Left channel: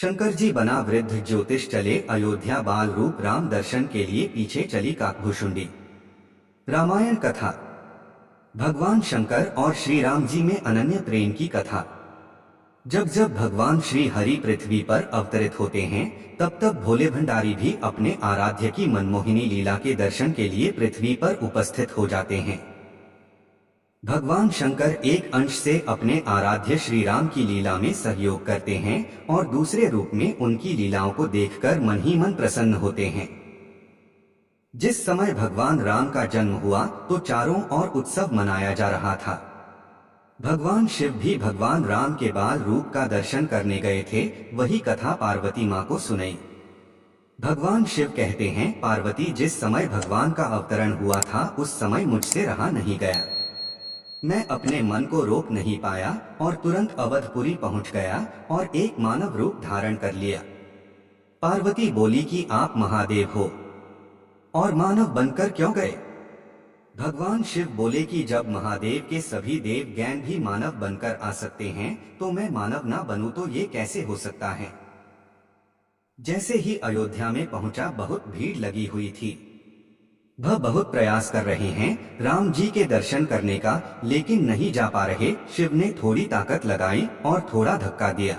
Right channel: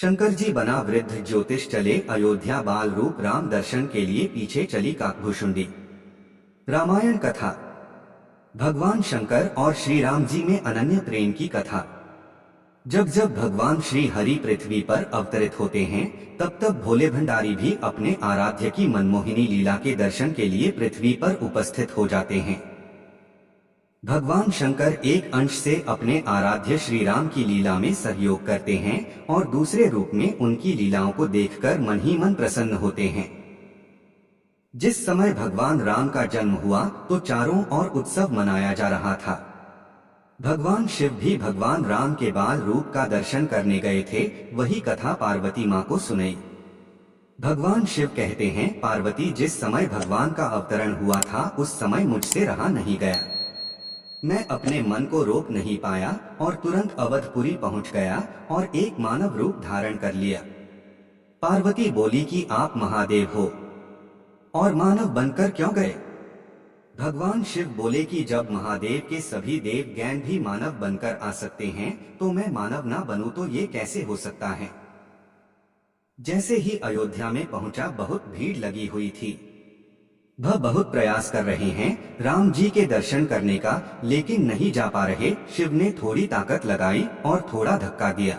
शंकर जी बना वृद्ध ज्योतिष चले अयोध्या, बाल रूप राम दर्शन के लिए पीछे चली काकभुशुंडी। रामायण कथा। भगवान शंकर और श्री राम जी में अनन्य प्रेम की कथा। जब जब भगवान श्री हरि पृथ्वी पर अवतरित होते हैं, तब तब भोले भंडारी भी अपने आराध्य की मनमोहिनी लीला के दर्शन के लिए पृथ्वी पर उपस्थित हो जाते हैं। भगवान शंकर एक अंश से अपने आराध्य श्री राम की लीला में सहयोग करते हैं और दूसरे रूप में उनकी लीलाओं को देखकर मन ही मन प्रसन्न होते हैं। जिस समय भगवान राम का जन्म हुआ तो चारों ओर उत्सव मनाया जा रहा था। भगवान शिव भी भगवान राम के बाल रूप का दर्शन करने गए थे। वही कथा पार्वती माँ को सुनाई। भगवान शिव कहते हैं, पार्वती, जिस समय भगवान का अवतरण हुआ था उस समय मुझसे रहा नहीं गया। मैं अपने मन को रोक नहीं पाया और तुरंत अवधपुरी पहुंच गया और एक मानव रूप धारण कर लिया। पार्वती बोली कि आप महादेव हो और मानव बनकर क्यों गए? भगवान शिव बोले कि जब महादेव के सभी देव गण भी मानव बनकर आ सकते हैं तो मैं मानव ना बनूं तो ये कैसे हो सकता है। जैसे ही अयोध्या में पहुंचा, बहुत भीड़ लगी हुई थी। वह बहुत प्रयास कर रहे हैं राम जी के दर्शन करने का, लेकिन नहीं जा पा रहे। शिव ने थोड़ी ताकत लगाई और थोड़ा धक्का दिया।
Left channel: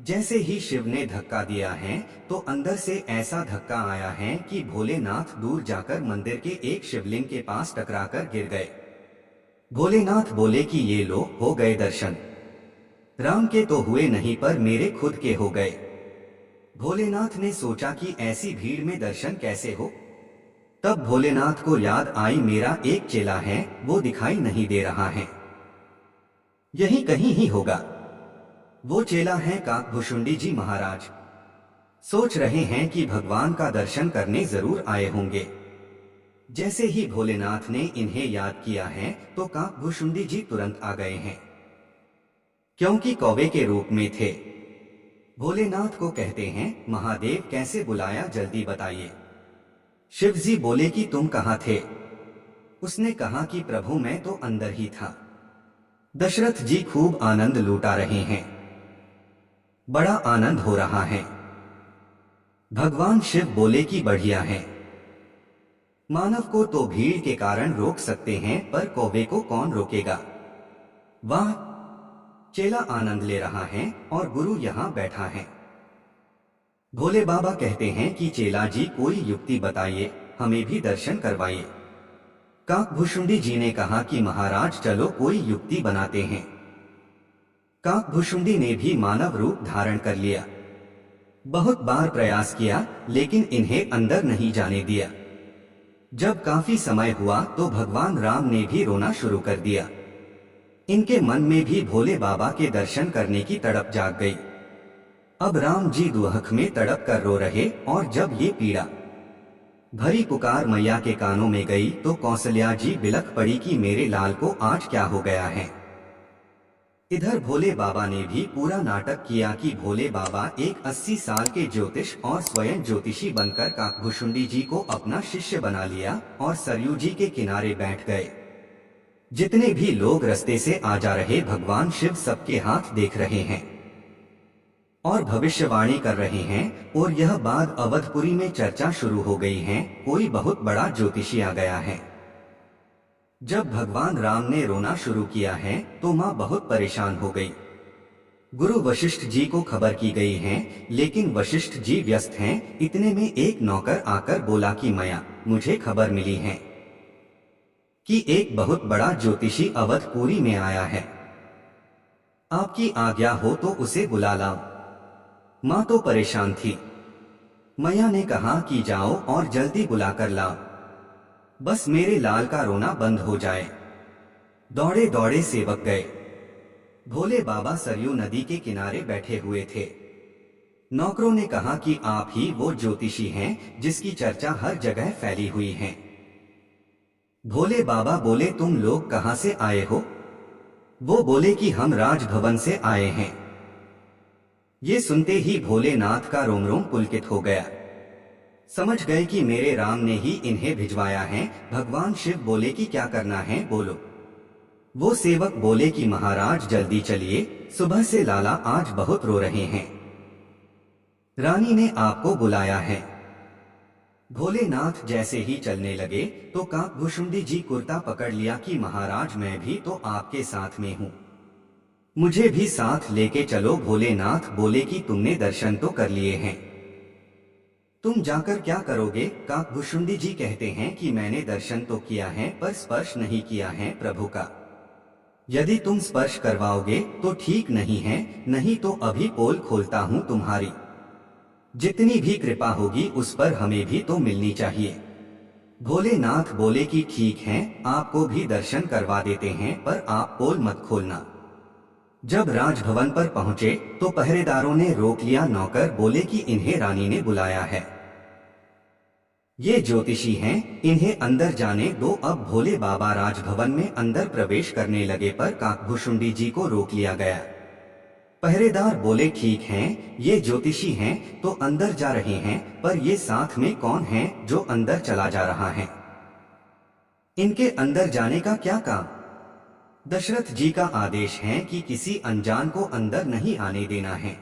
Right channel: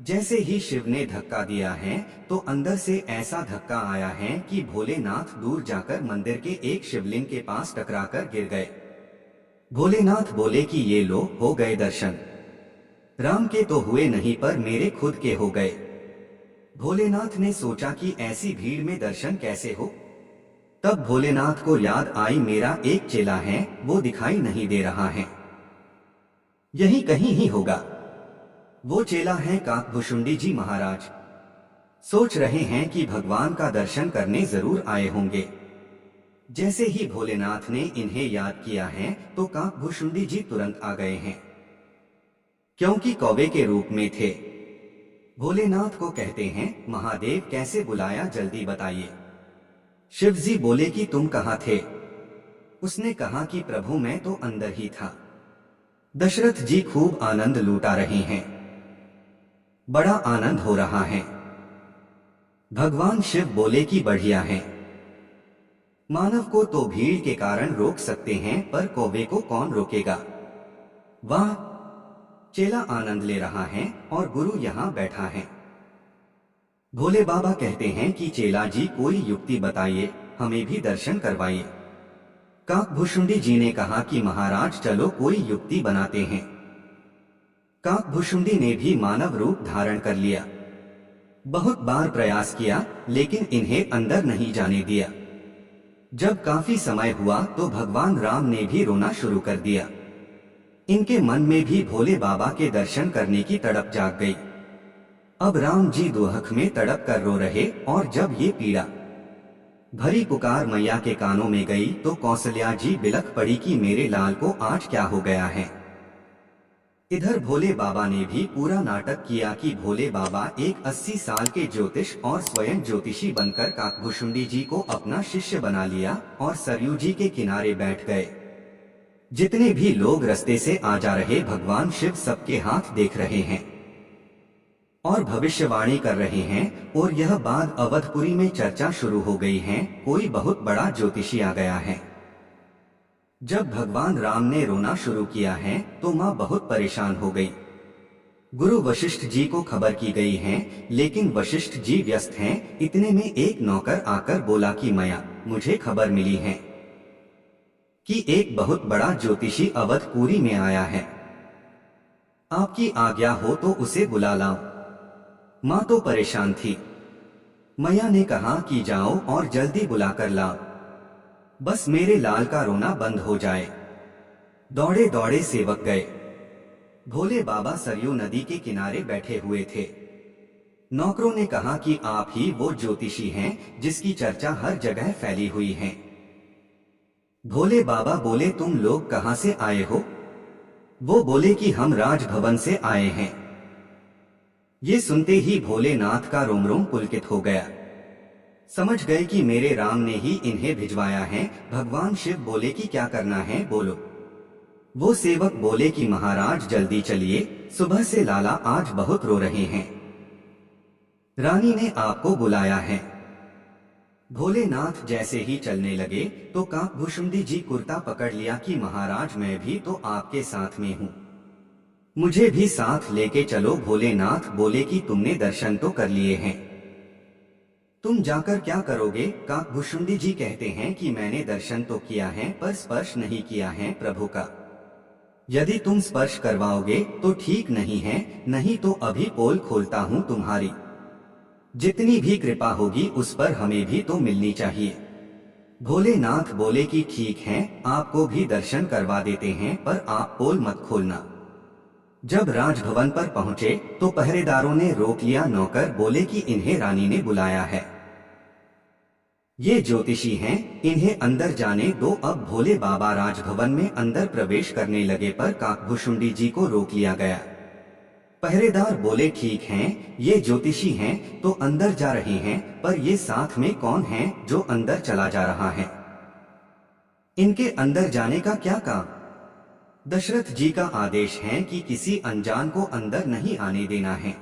जैसे ही शिव ने धक्का दिया है तो अंदर से ऐसा धक्का आया है कि भोलेनाथ दूर जाकर मंदिर के एक शिवलिंग के पास टकराकर गिर गए। भोलेनाथ बोले कि ये लो, हो गए दर्शन। राम के तो हुए नहीं पर मेरे खुद के हो गए। भोलेनाथ ने सोचा कि ऐसी भीड़ में दर्शन कैसे हो। तब भोलेनाथ को याद आई, मेरा एक चेला है, वो दिखाई नहीं दे रहा है, यही कहीं ही होगा। वो चेला है काकभुशुंडी जी महाराज। सोच रहे हैं कि भगवान का दर्शन करने जरूर आए होंगे। जैसे ही भोलेनाथ ने इन्हें याद किया है तो काकभुशुंडी जी तुरंत आ गए हैं, क्योंकि कौवे के रूप में थे। भोलेनाथ को कहते हैं, महादेव कैसे बुलाया, जल्दी बताइए। शिव जी बोले कि तुम कहाँ थे? उसने कहा कि प्रभु मैं तो अंदर ही था। दशरथ जी खूब आनंद लूटा रहे हैं, बड़ा आनंद हो रहा है। भगवान शिव बोले कि बढ़िया है। मानव को तो भीड़ के कारण रोक सकते हैं पर कौवे को कौन रोकेगा। वाह, चेला आनंद ले रहा है और गुरु यहाँ बैठा है। भोले बाबा कहते हैं कि चेला जी कोई युक्ति बताइए, हमें भी दर्शन करवाइए। काकभुशुंडी जी ने कहा कि महाराज चलो कोई युक्ति बनाते हैं। काकभुशुंडी ने भी मानव रूप धारण कर लिया। बहुत बार प्रयास किया लेकिन इन्हें अंदर नहीं जाने दिया। जब काफी समय हुआ तो भगवान राम ने भी रोना शुरू कर दिया। इनके मन में भी भोले बाबा के दर्शन करने की तड़प जाग गई। अब राम जी दुहक में तड़प कर रो रहे और जब ये पीड़ा भरी पुकार मैया के कानों में गई तो कौसल्या जी बिलख पड़ी कि मेरे लाल को आज क्या हो गया है। इधर भोले बाबा ने भी पूरा नाटक किया कि भोले बाबा एक 80 साल के ज्योतिष और स्वयं ज्योतिषी बनकर काकभुशुंडी जी को अपना शिष्य बना लिया और सरयू जी के किनारे बैठ गए। जितने भी लोग रास्ते से आ जा रहे, भगवान शिव सबके हाथ देख रहे हैं और भविष्यवाणी कर रहे हैं। और यह बात अवधपुरी में चर्चा शुरू हो गई है, कोई बहुत बड़ा ज्योतिषी आ गया है। जब भगवान राम ने रोना शुरू किया है तो माँ बहुत परेशान हो गई। गुरु वशिष्ठ जी को खबर की गई है, लेकिन वशिष्ठ जी व्यस्त हैं। इतने में एक नौकर आकर बोला कि मैया, मुझे खबर मिली है कि एक बहुत बड़ा ज्योतिषी अवधपुरी में आया है। आपकी आज्ञा हो तो उसे बुला लाओ। माँ तो परेशान थी। मैया ने कहा कि जाओ और जल्दी बुलाकर लाओ, बस मेरे लाल का रोना बंद हो जाए। दौड़े दौड़े सेवक गए। भोले बाबा सरयू नदी के किनारे बैठे हुए थे। नौकरों ने कहा कि आप ही वो ज्योतिषी हैं जिसकी चर्चा हर जगह फैली हुई है। भोले बाबा बोले, तुम लोग कहाँ से आए हो? वो बोले कि हम राजभवन से आए हैं। ये सुनते ही भोलेनाथ का रोम रोम पुलकित हो गया। समझ गए कि मेरे राम ने ही इन्हें भिजवाया है। भगवान शिव बोले कि क्या करना है बोलो। वो सेवक बोले कि महाराज जल्दी चलिए, सुबह से लाला आज बहुत रो रहे हैं। रानी ने आपको बुलाया है। भोलेनाथ जैसे ही चलने लगे तो काकभुशुंडी जी कुर्ता पकड़ लिया कि महाराज मैं भी तो आपके साथ में हूँ, मुझे भी साथ लेके चलो। भोलेनाथ बोले कि तुमने दर्शन तो कर लिए हैं, तुम जाकर क्या करोगे? काकभुशुंडी जी कहते हैं कि मैंने दर्शन तो किया है पर स्पर्श नहीं किया है प्रभु का। यदि तुम स्पर्श करवाओगे तो ठीक नहीं है, नहीं तो अभी पोल खोलता हूँ तुम्हारी। जितनी भी कृपा होगी उस पर हमें भी तो मिलनी चाहिए। भोलेनाथ बोले कि ठीक है, आपको भी दर्शन करवा देते हैं पर आप पोल मत खोलना। जब राजभवन पर पहुंचे तो पहरेदारों ने रोक लिया। नौकर बोले कि इन्हें रानी ने बुलाया है, ये ज्योतिषी हैं, इन्हें अंदर जाने दो। अब भोले बाबा राजभवन में अंदर प्रवेश करने लगे पर काकभुशुंडी जी को रोक लिया गया। पहरेदार बोले ठीक हैं, ये ज्योतिषी हैं तो अंदर जा रहे हैं, पर ये साथ में कौन है जो अंदर चला जा रहा है? इनके अंदर जाने का क्या काम? दशरथ जी का आदेश है कि किसी अनजान को अंदर नहीं आने देना है।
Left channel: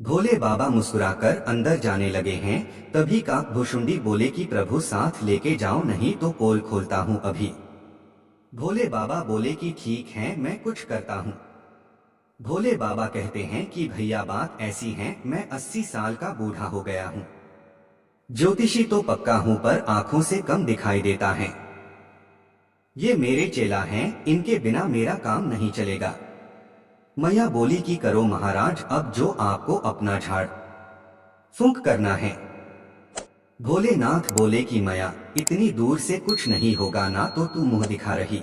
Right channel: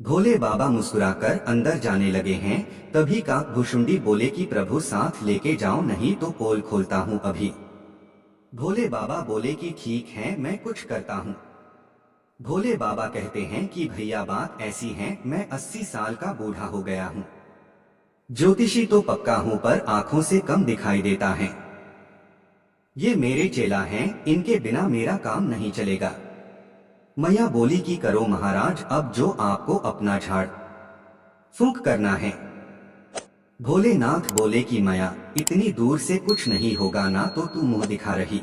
भोले बाबा मुस्कुराकर अंदर जाने लगे हैं, तभी काकभुशुंडी बोले कि प्रभु साथ लेके जाओ नहीं तो पोल खोलता हूं अभी। भोले बाबा बोले कि ठीक है, मैं कुछ करता हूं। भोले बाबा कहते हैं कि भैया बात ऐसी है, मैं 80 साल का बूढ़ा हो गया हूं, ज्योतिषी तो पक्का हूं पर आंखों से कम दिखाई देता है। ये मेरे चेला हैं, इनके बिना मेरा काम नहीं चलेगा। मैया बोली कि करो महाराज, अब जो आपको अपना झाड़ फूंक करना है। भोलेनाथ बोले कि मैया इतनी दूर से कुछ नहीं होगा, ना तो तू मुंह दिखा रही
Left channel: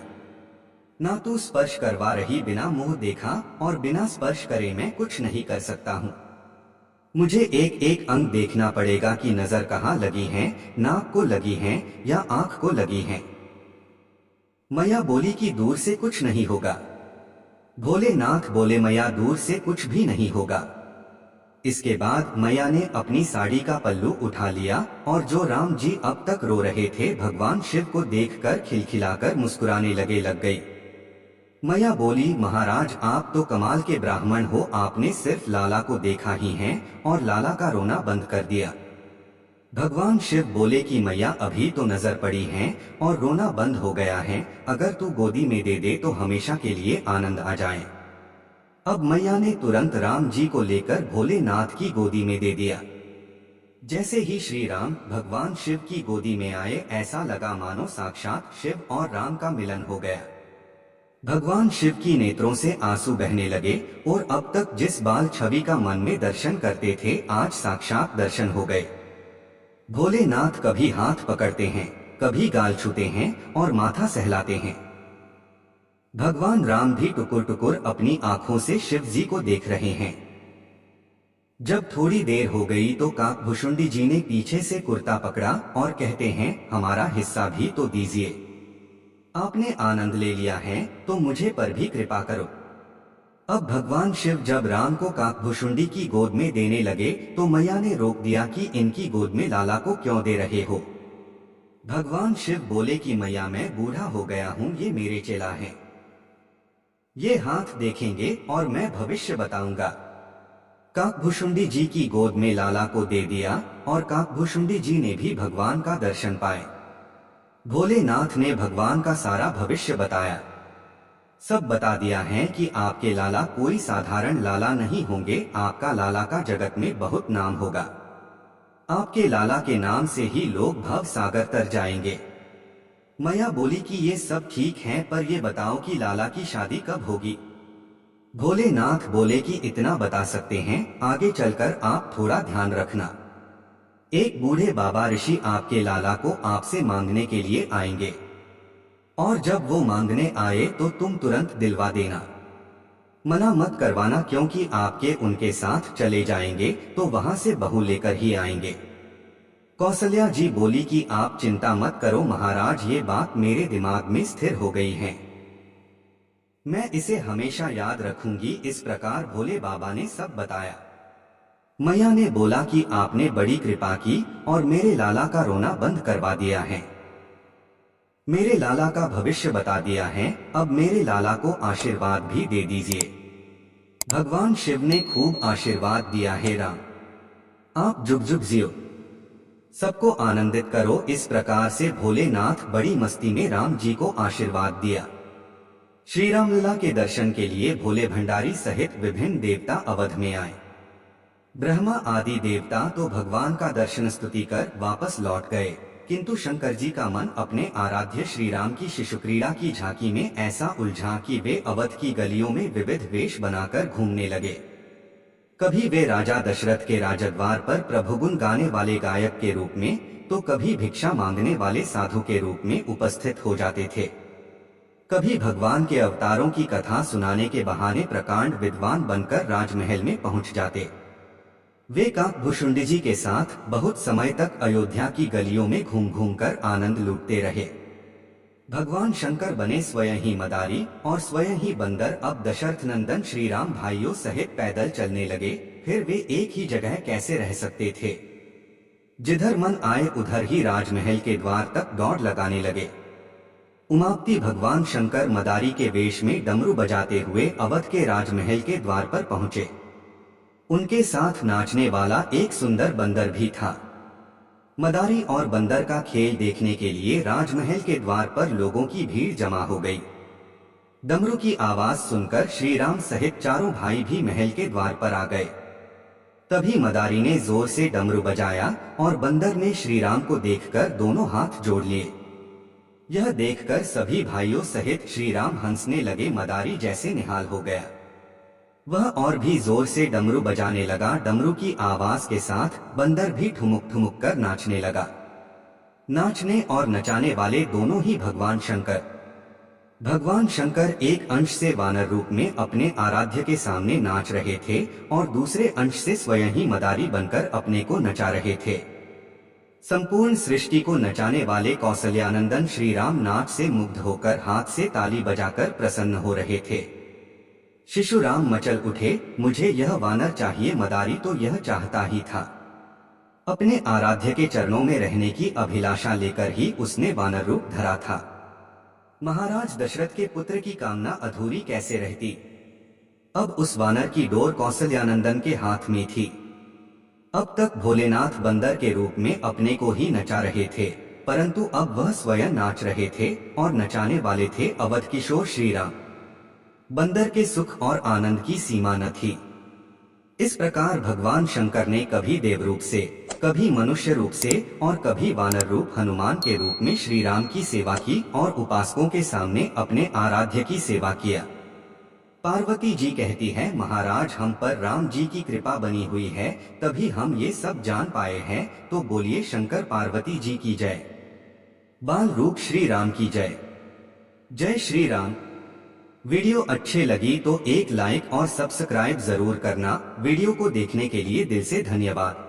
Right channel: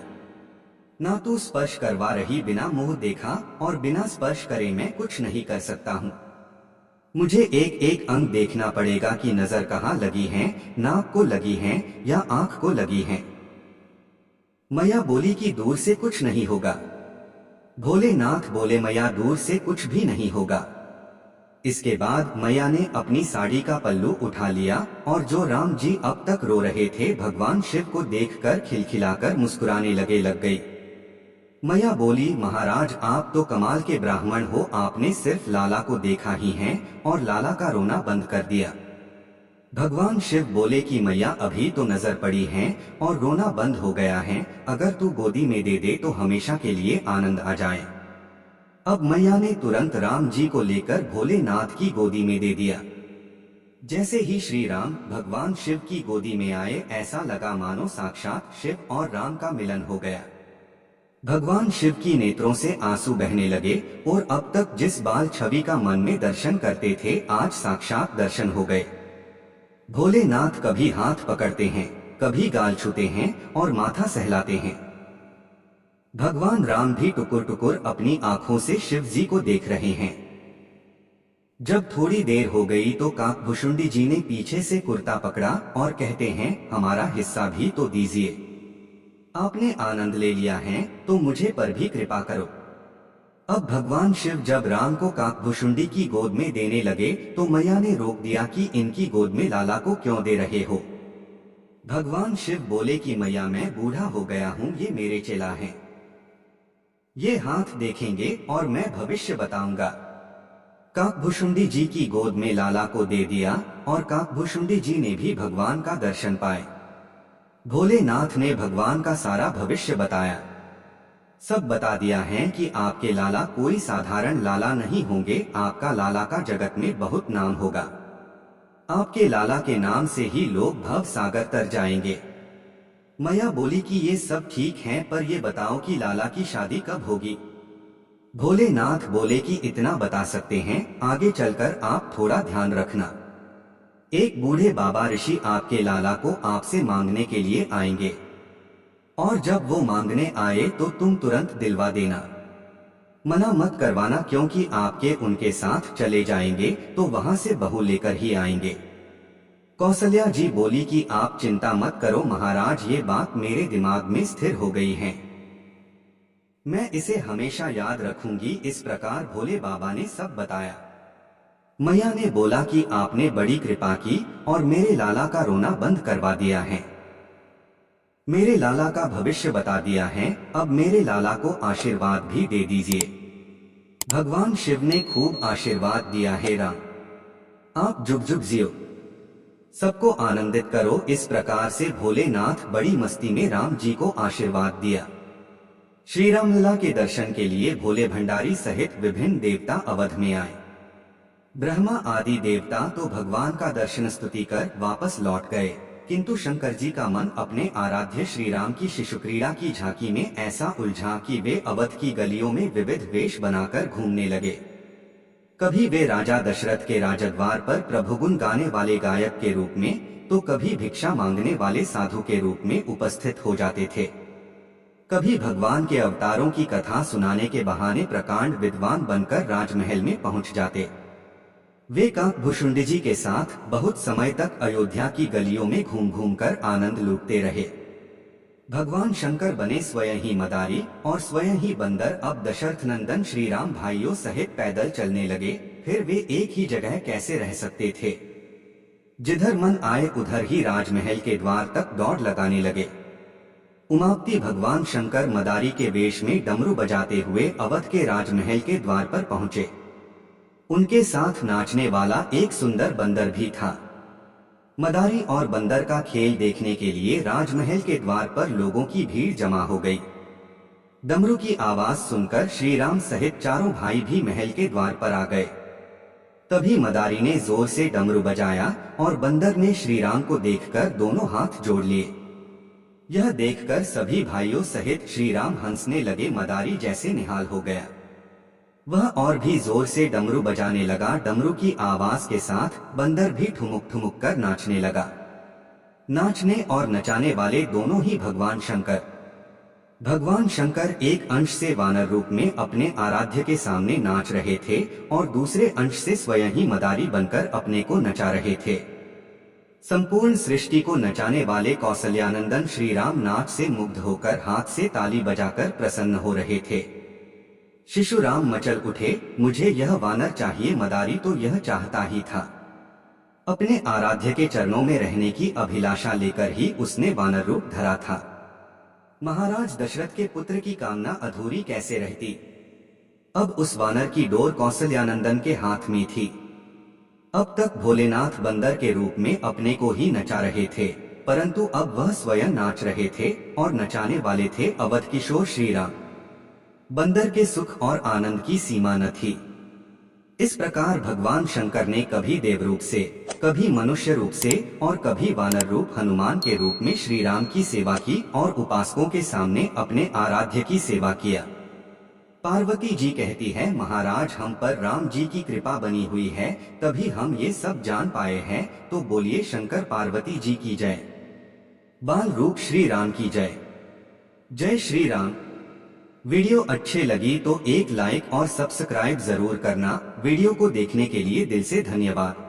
ना तू स्पर्श करवा रही। बिना मुंह देखा और बिना स्पर्श करे मैं कुछ नहीं कर सकता हूँ। मुझे एक एक अंग देखना पड़ेगा कि नजर कहाँ लगी है, नाक को लगी है या आंख को लगी है। मैया बोली कि दूर से कुछ नहीं होगा। भोलेनाथ बोले मैया दूर से कुछ भी नहीं होगा। इसके बाद मैया ने अपनी साड़ी का पल्लू उठा लिया और जो राम जी अब तक रो रहे थे भगवान शिव को देखकर खिलखिलाकर मुस्कुराने लग गई। मैया बोली महाराज आप तो कमाल के ब्राह्मण हो, आपने सिर्फ लाला को देखा ही है और लाला का रोना बंद कर दिया। भगवान शिव बोले कि मैया अभी तो नजर पड़ी है और रोना बंद हो गया है, अगर तू गोदी में दे दे तो हमेशा के लिए आनंद आ जाए। अब मैया ने तुरंत राम जी को लेकर भोलेनाथ की गोदी में दे दिया। जैसे ही श्री राम भगवान शिव की गोदी में आए, ऐसा लगा मानो साक्षात शिव और राम का मिलन हो गया। भगवान शिव की नेत्रों से आंसू बहने लगे और अब तक जिस बाल छवि का मन में दर्शन करते थे आज साक्षात दर्शन हो गए। भोलेनाथ कभी हाथ पकड़ते हैं, कभी गाल छूते हैं और माथा सहलाते हैं। भगवान राम भी टुकुर टुकुर अपनी आंखों से शिव जी को देख रहे हैं। जब थोड़ी देर हो गई तो काकभुशुंडी जी ने पीछे से कुर्ता पकड़ा और कहते हैं हमारा हिस्सा भी तो दीजिए, आपने आनंद ले लिया है तो मुझे पर भी कृपा करो। अब भगवान शिव जब राम को काकभुशुंडी की गोद में देने लगे तो मैया ने रोक दिया कि इनकी गोद में लाला को क्यों दे रहे हो। भगवान शिव बोले कि मैया मैं बूढ़ा हो गया हूँ, ये मेरे चेला हैं, ये हाथ देखेंगे और मैं भविष्य बताऊंगा। काकभुशुंडी जी की गोद में लाला को दे दिया और काकभुशुंडी जी ने भी भगवान का दर्शन पाए। भोलेनाथ ने भगवान का सारा भविष्य बताया, सब बता दिया है कि आपके लाला कोई साधारण लाला नहीं होंगे, आपका लाला का जगत में बहुत नाम होगा। आपके लाला के नाम से ही लोग भव सागर तर जाएंगे। मैया बोली कि ये सब ठीक है, पर ये बताओ कि लाला की शादी कब होगी। भोलेनाथ बोले कि इतना बता सकते हैं, आगे चलकर आप थोड़ा ध्यान रखना। एक बूढ़े बाबा ऋषि आपके लाला को आपसे मांगने के लिए आएंगे और जब वो मांगने आए तो तुम तुरंत दिलवा देना, मना मत करवाना, क्योंकि आपके उनके साथ चले जाएंगे तो वहां से बहू लेकर ही आएंगे। कौशल्या जी बोली कि आप चिंता मत करो महाराज, ये बात मेरे दिमाग में स्थिर हो गई है, मैं इसे हमेशा याद रखूंगी। इस प्रकार भोले बाबा ने सब बताया। मैया ने बोला कि आपने बड़ी कृपा की और मेरे लाला का रोना बंद करवा दिया है, मेरे लाला का भविष्य बता दिया है, अब मेरे लाला को आशीर्वाद भी दे दीजिए। भगवान शिव ने खूब आशीर्वाद दिया है राम। आप जुग जुग जियो, सबको आनंदित करो। इस प्रकार से भोलेनाथ बड़ी मस्ती में राम जी को आशीर्वाद दिया। श्री रामलला के दर्शन के लिए भोले भंडारी सहित विभिन्न देवता अवध में आए। ब्रह्मा आदि देवता तो भगवान का दर्शन स्तुति कर वापस लौट गए, किंतु शंकर जी का मन अपने आराध्य श्री राम की शिशु क्रीड़ा की झांकी में ऐसा उलझा कि वे अवध की गलियों में विविध वेश बनाकर घूमने लगे। कभी वे राजा दशरथ के राजद्वार पर प्रभुगुण गाने वाले गायक के रूप में, तो कभी भिक्षा मांगने वाले साधु के रूप में उपस्थित हो जाते थे। कभी भगवान के अवतारों की कथा सुनाने के बहाने प्रकांड विद्वान बनकर राजमहल में पहुंच जाते। वे काकभूषुंडी जी के साथ बहुत समय तक अयोध्या की गलियों में घूम घूम कर आनंद लूटते रहे। भगवान शंकर बने स्वयं ही मदारी और स्वयं ही बंदर। अब दशरथ नंदन श्री राम भाइयों सहित पैदल चलने लगे, फिर वे एक ही जगह कैसे रह सकते थे। जिधर मन आए उधर ही राजमहल के द्वार तक दौड़ लगाने लगे। उमापति भगवान शंकर मदारी के वेश में डमरू बजाते हुए अवध के राजमहल के द्वार पर पहुंचे। उनके साथ नाचने वाला एक सुंदर बंदर भी था। मदारी और बंदर का खेल देखने के लिए राजमहल के द्वार पर लोगों की भीड़ जमा हो गई। डमरू की आवाज सुनकर श्री राम सहित चारों भाई भी महल के द्वार पर आ गए। तभी मदारी ने जोर से डमरू बजाया और बंदर ने श्री राम को देखकर दोनों हाथ जोड़ लिए। यह देखकर सभी भाइयों सहित श्री राम हंसने लगे। मदारी जैसे निहाल हो गया। वह और भी जोर से डमरू बजाने लगा। डमरू की आवाज के साथ बंदर भी ठुमुक ठुमुक कर नाचने लगा। नाचने और नचाने वाले दोनों ही भगवान शंकर। भगवान शंकर एक अंश से वानर रूप में अपने आराध्य के सामने नाच रहे थे और दूसरे अंश से स्वयं ही मदारी बनकर अपने को नचा रहे थे। संपूर्ण सृष्टि को नचाने वाले कौसल्यानंदन श्री राम नाच से मुग्ध होकर हाथ से ताली बजाकर प्रसन्न हो रहे थे। शिशु राम मचल उठे, मुझे यह वानर चाहिए। मदारी तो यह चाहता ही था। अपने आराध्य के चरणों में रहने की अभिलाषा लेकर ही उसने वानर रूप धरा था। महाराज दशरथ के पुत्र की कामना अधूरी कैसे रहती। अब उस वानर की डोर कौसल्यानंदन के हाथ में थी। अब तक भोलेनाथ बंदर के रूप में अपने को ही नचा रहे थे, परंतु अब वह स्वयं नाच रहे थे और नचाने वाले थे अवध किशोर श्री राम। बंदर के सुख और आनंद की सीमा न थी। इस प्रकार भगवान शंकर ने कभी देव रूप से, कभी मनुष्य रूप से और कभी वानर रूप हनुमान के रूप में श्री राम की सेवा की और उपासकों के सामने अपने आराध्य की सेवा किया। पार्वती जी कहती है, महाराज हम पर राम जी की कृपा बनी हुई है, तभी हम ये सब जान पाए हैं। तो बोलिए शंकर पार्वती जी की जय। बाल रूप श्री राम की जय। जय श्री राम। वीडियो अच्छे लगी तो एक लाइक और सब्सक्राइब जरूर करना। वीडियो को देखने के लिए दिल से धन्यवाद।